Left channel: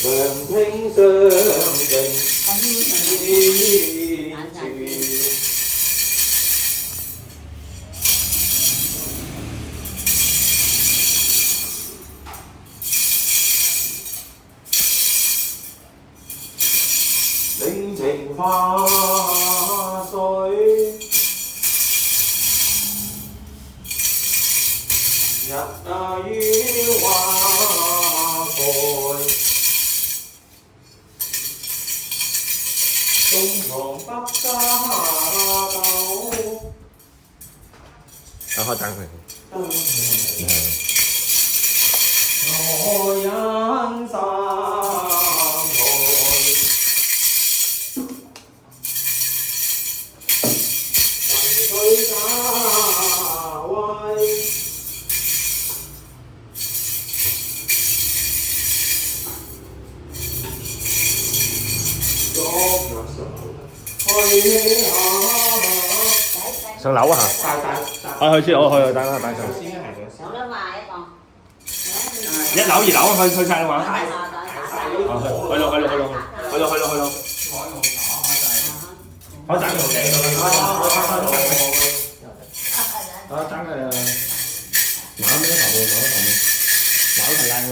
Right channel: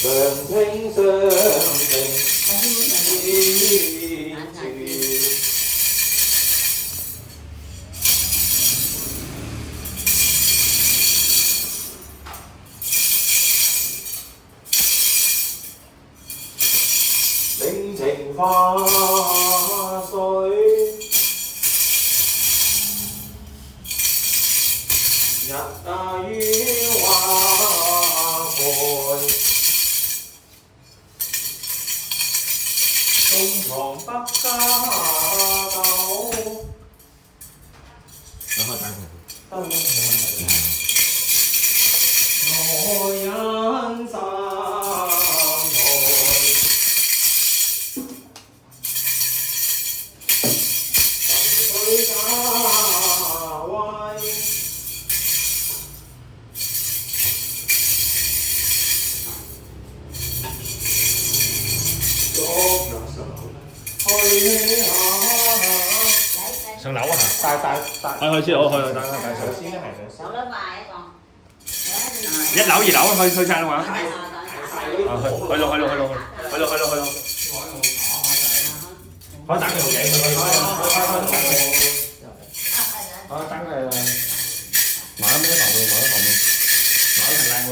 常聽相定依住。領情花水，日於花蓋，東床北家狗。然後等佢。我人生上樓啊嚇！去先，我去等下等上。有得賣啊！一樓二樓去晒啦嘛？去咯。我等佢嘅，我等佢買咩頭度，買得靚喎。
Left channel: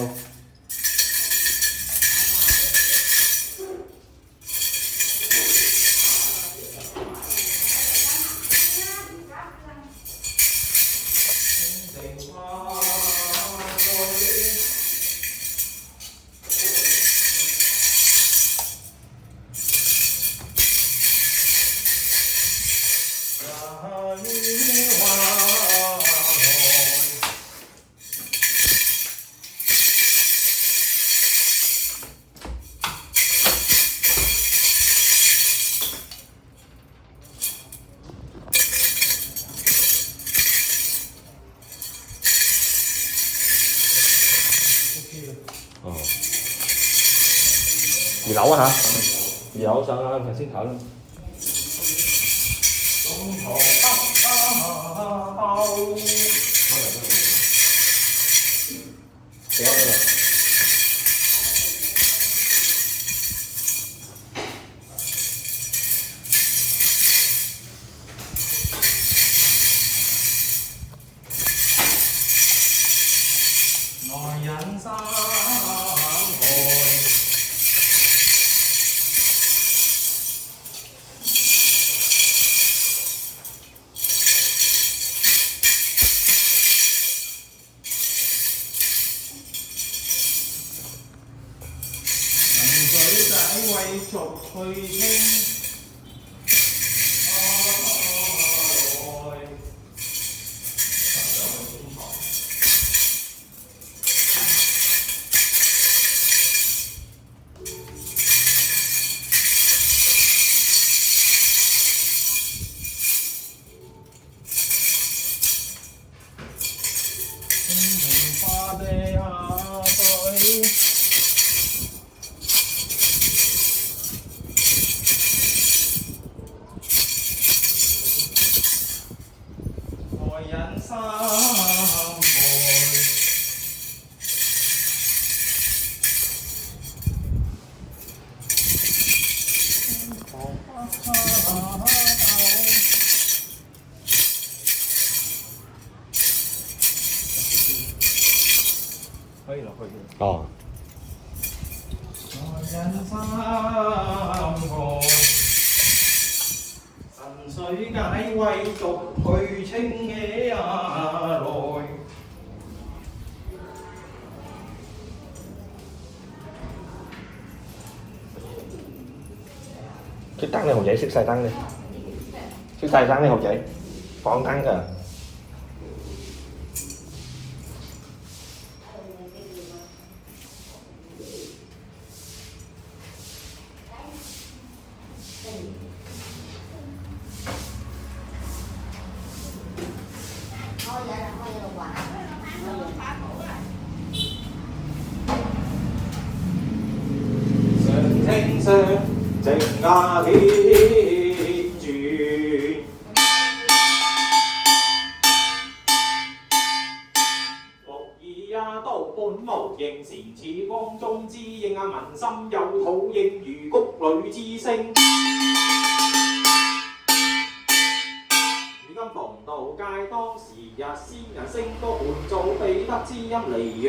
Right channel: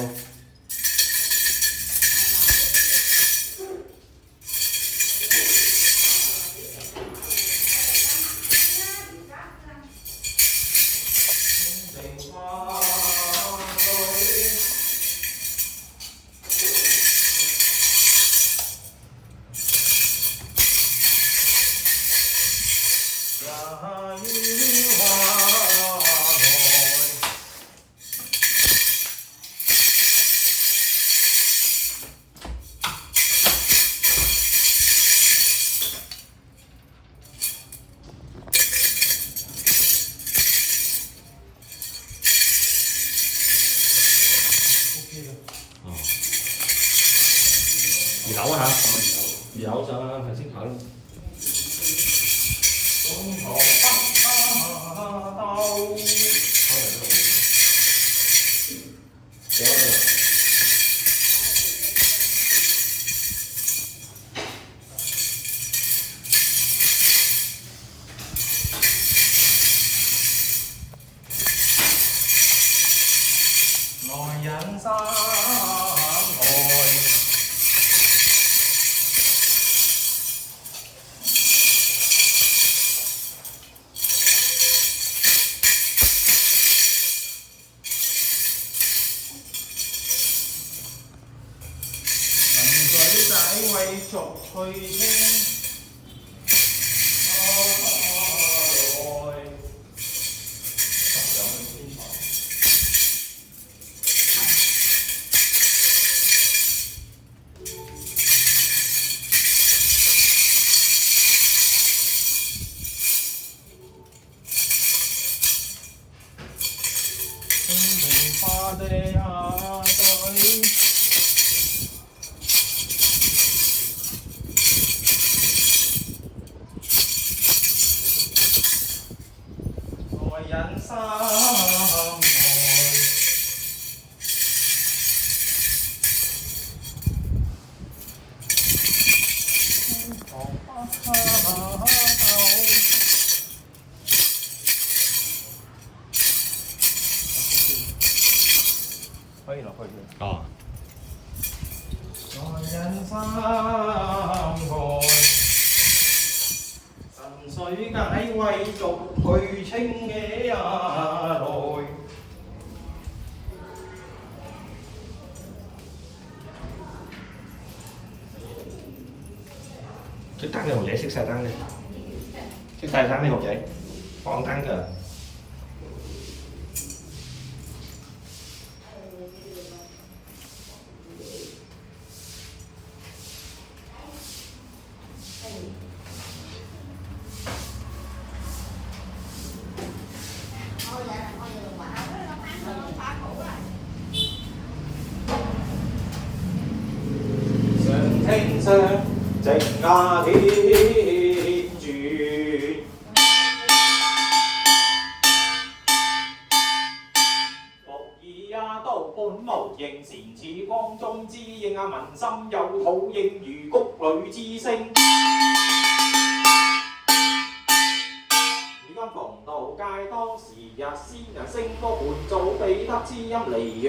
二樓啊嚇，二樓上啊，頭先睇。來人山海。水仔為逐去清，花的下水。人生愛，可以落去嘅。哦。人生愛。水解為逐去清嘅來，熄燈嘅紅仔，熄晒燈嘅，熄晒燈嘅紅仔，放燈㗎。聽相靜家天轉，木耳也刀般無形，善似光中之應民心有土應如谷裏之聲。如今逢道街當時日先人聲歌伴奏，彼得之音離揚。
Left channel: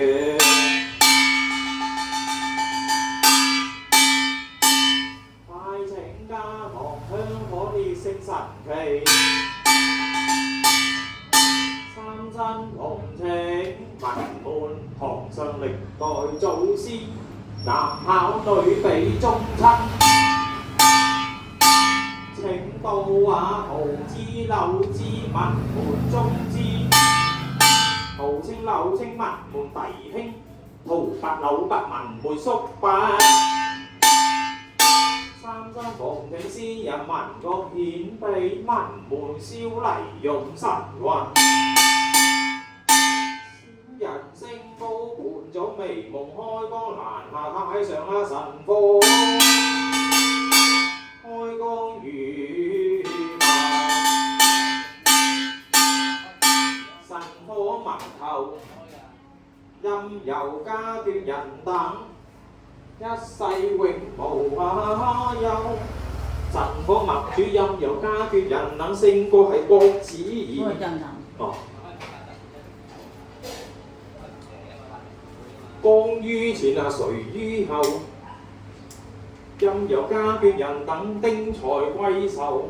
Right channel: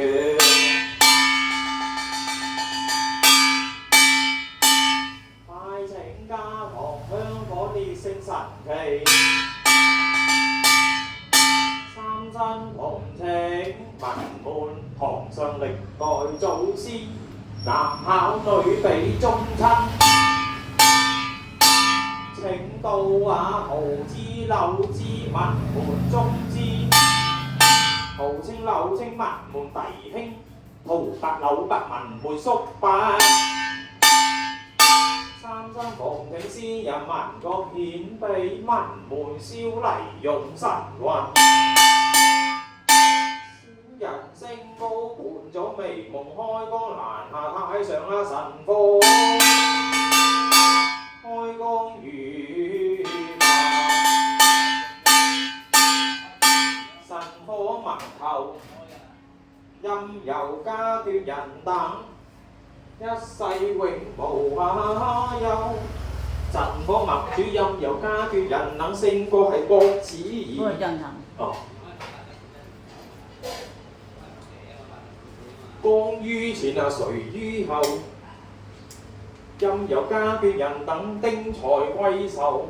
快請家堂香火烈性神奇。三真同情，文門堂上歷代祖先，男考女比忠親。請到畫圖之柳之文門中之，圖稱柳稱文門弟兄，圖拔柳拔文門叔伯。三真同情先人文國顯秘，文門燒泥用神韻。人聲高伴咗微夢開光欄下太上神科，開光如神科文頭，任由家眷人等，一世永無憂。神科默主任由家眷人等，勝過係國子兒。哦。光於前誰於後，任由家眷人等丁財貴壽，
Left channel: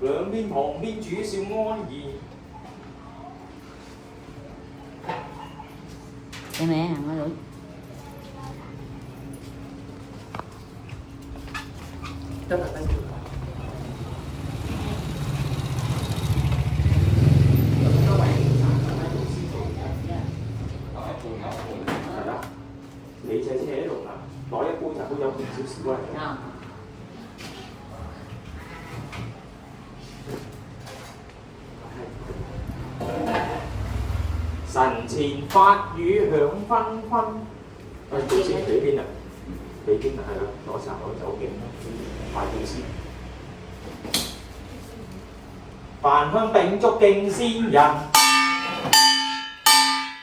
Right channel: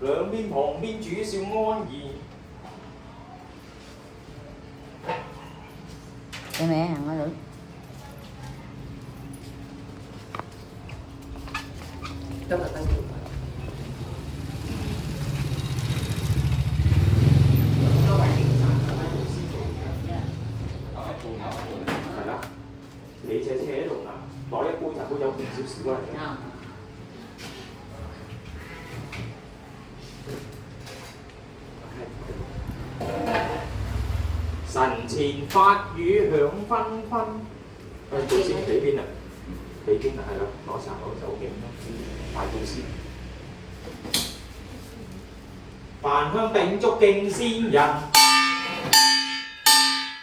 兩邊旁邊主笑安怡。Em mẹ hàng nói đúng. Rất là tăng trưởng.你隻車喺度啦，攞一杯茶都有少少啊。神前法語響紛紛。祖先俾邊啊？俾邊啊？係啦，攞茶攞酒嘅，快祖先。飯香秉燭敬先人，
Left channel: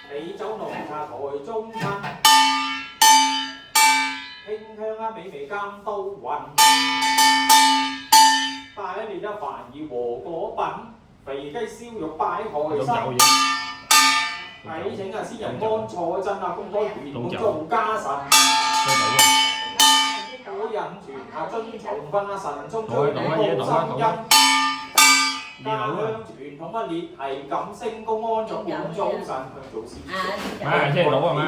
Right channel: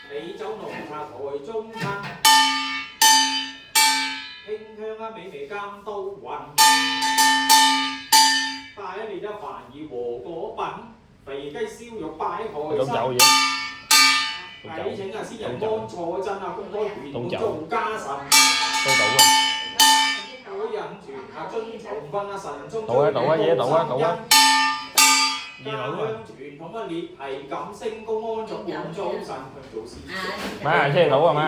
美酒濃茶台中親。馨香美味監都雲，帶一年飯兒和果品，肥雞燒肉擺台身。禮請先人安坐鎮公開圓滿做家神。古人傳遵從訓神宗追古心音。家鄉傳統列係感升高安咗滿早晨向祖先。即係倒啊嘛，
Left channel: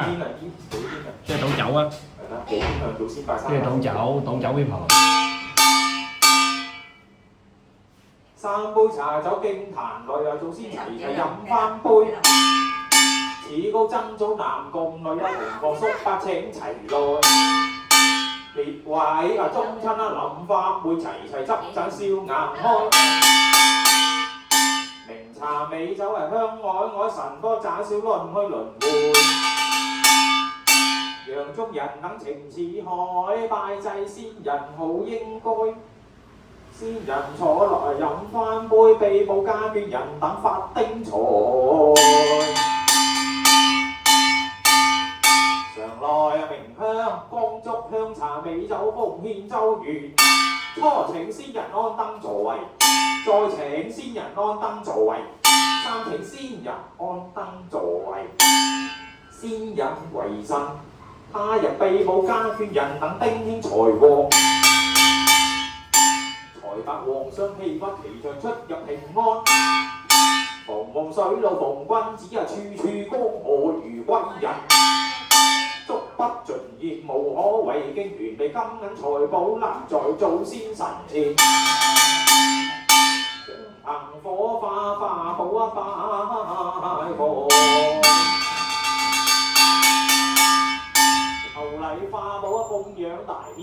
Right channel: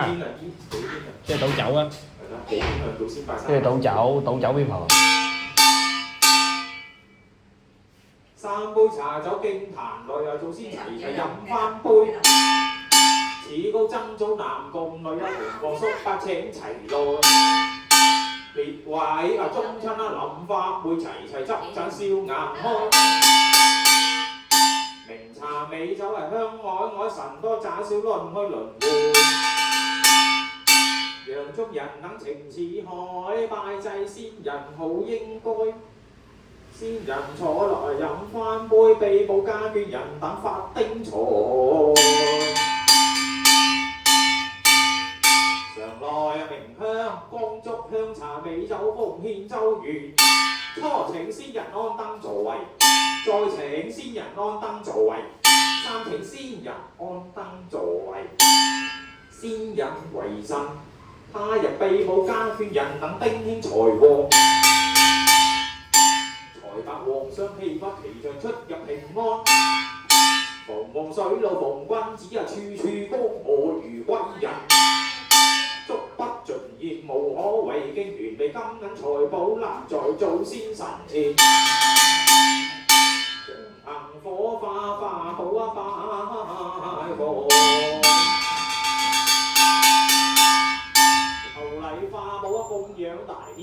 即係倒酒啊。係啦，普遍向祖先拜山。即係倒酒俾婆。三杯茶酒敬壇內啊，祖先齊齊飲翻杯。此高曾祖男共女啊，紅黃叔伯請齊來。列位啊，中親啊，臨發會齊齊執盞笑顏開。名茶美酒係香愛神多盞少輪去輪迴。讓中人等情似海，拜祭先人好應該。先人坐落飲翻杯，被保家眷人等發丁財。常來明香光燭香茶美酒奉獻周圓。初請先人安登座位，再請先人安登座位，三請先人安登座位。先人為神，他日被保家眷人等丁興財旺。財帛皇上氣發奇象出入平安。逢夢水路逢君子啊，處處恭賀如歸人。足不盡言無可為，經團備金銀財寶立在祖先神前。長憑火化化寶啊拜火，後禮化寶啊供養大天。